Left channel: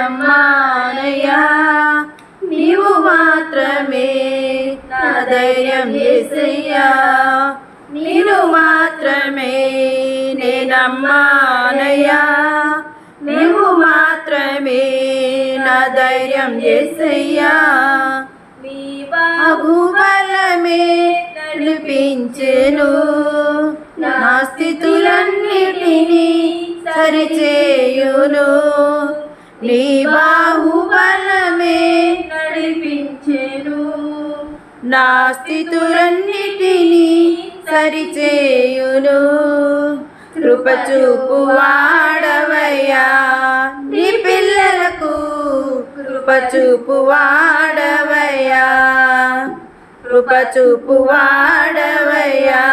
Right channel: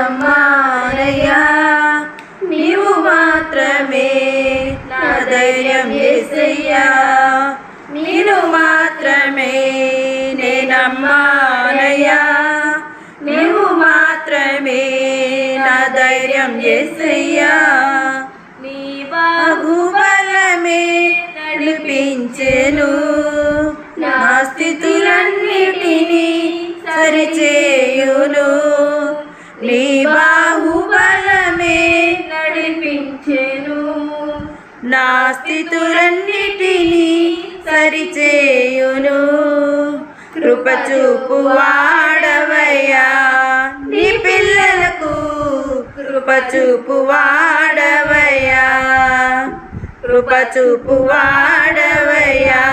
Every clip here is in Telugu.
నేనమ్మానయ్యా నీవు మాత్రమే నా ధైర్యం యేసయ్యా నీవు మాత్రమే నేనమ్మానయ్యా నీవు మాత్రమే నా ధైర్యం యేసయ్యా నీ బాహుబలమే నడిపించెను నా స్థితులన్నిటినీ సరిచేయును నీ బాహుబలమే నడిపించెను నా స్థితులన్నిటినీ సరిచేయును కృప చూపు వాడవయ్యా నీ పిల్లలకు కృప చూపు వాడవయ్యా కృప చూపు వాడవయ్యా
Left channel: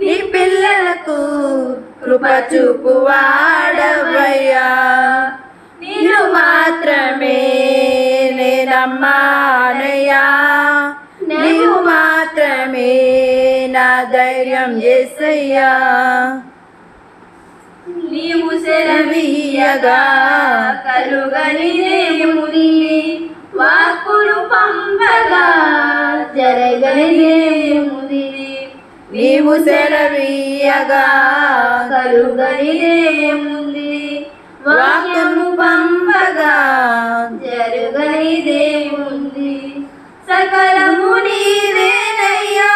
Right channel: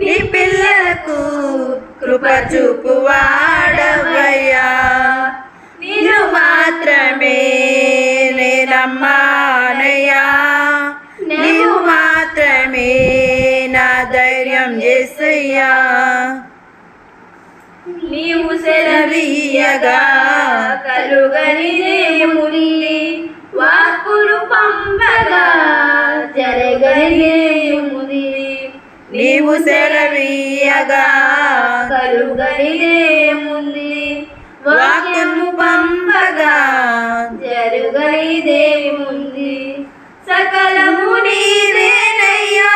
నీ పిల్లలకు కృప చూపు వాడవయ్యా నీవు మాత్రమే నేనమ్మానయ్యా నీవు మాత్రమే నా ధైర్యం యేసయ్యా నీవు సెలవీయగా కలుగనిదేముంది వాక్కులు పంపగా జరగనిదేముంది నీవు సెలవీయగా కలుగనిదేముంది వాక్కును పంపగా జరగనిదేముంది సకలము నీవేనయ్యా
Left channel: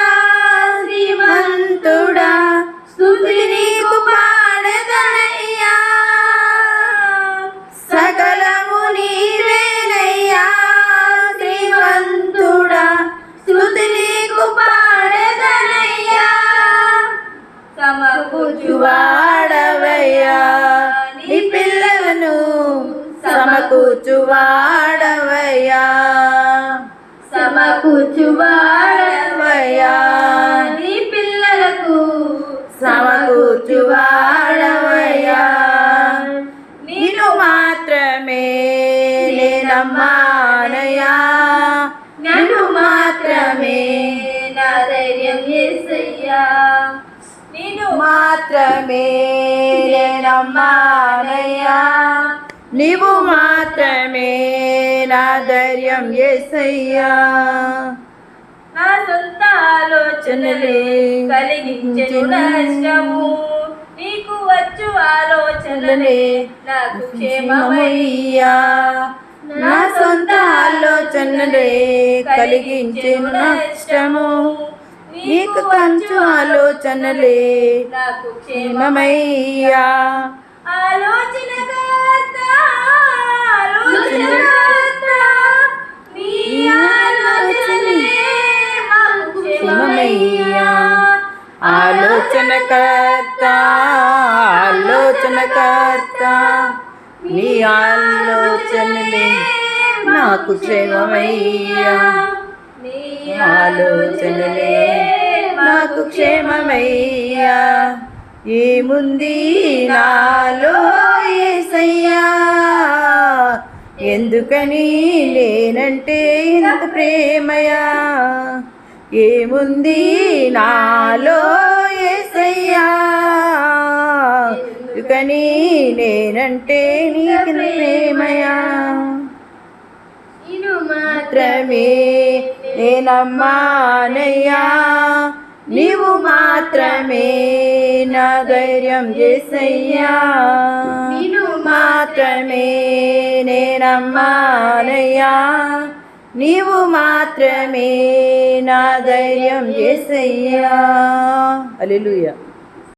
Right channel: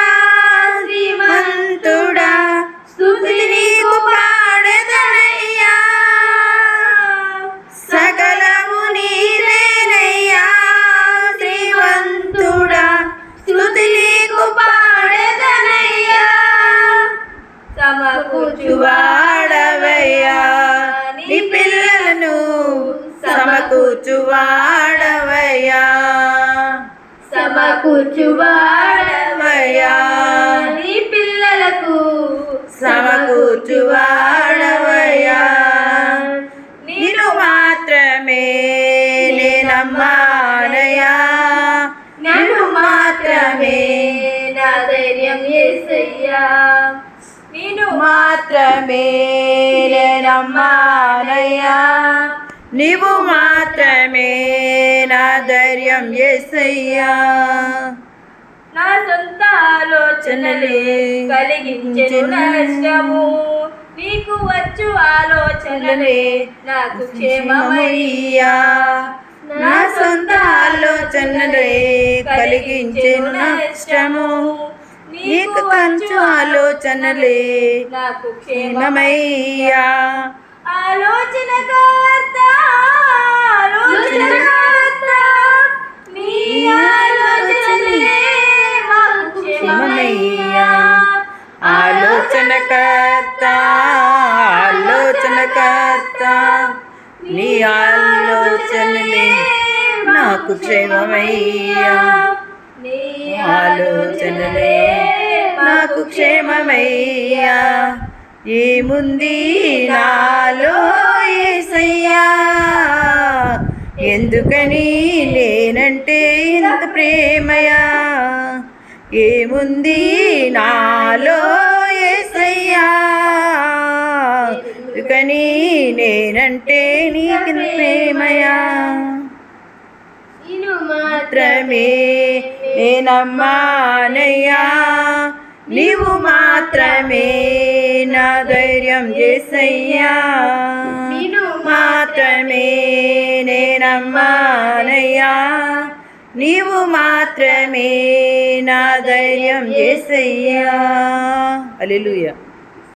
శ్రీమంతుడా స్తుతి నీకు పాడెదనయ్యా సకలము నీవేనయ్యా శ్రీమంతుడా స్తుతి నీకు పాడెదనయ్యా సమకూర్చువాడవయ్యా నీ పిల్లలను సమకూర్చువాడవయ్యా సమకూర్చువాడవయ్యా నీ పిల్లలకు సమకూర్చువాడవయ్యా నిన్ను మాత్రమే నేనమ్మానయ్యా నిన్ను మాత్రమే నా ధైర్యం యేసయ్యా నిన్ను మాత్రమే నేనమ్మానయ్యా నీవు మాత్రమే నా ధైర్యం యేసయ్యా నా సొంత ఆలోచనలే కలిగించెను నష్టము నీకు వచ్చు ఆలోచనలే నాకు క్షేమమయ్యా నా సొంత ఆలోచనలే కలిగించెను నష్టము నీకు కంచు ఆలోచనలే నాకు క్షేమమయ్యా ఆలోచనకర్త నీ ఆలోచనలే క్షేమమయ్యా ఆలోచనకర్త నీ ఆలోచనలే నాకు క్షేమమయ్యా ఆలోచనలే నాకు క్షేమమయ్యా ఏముంది నాలో యేసయ్యా ఎందుకని లేనంటే ఇంత ప్రేమయా ఏముంది నాలో యేసయ్యా ఎందుకని నేనంటే నీకు ప్రేమయా నిన్ను మాత్రమే నేనమ్మానయ్యా నీవు మాత్రమే నా ధైర్యం యేసయ్యా నిన్ను మాత్రమే నేనమ్మానయ్యా నీవు మాత్రమే నా ధైర్యం యేసయ్యా హల్లెలూయా.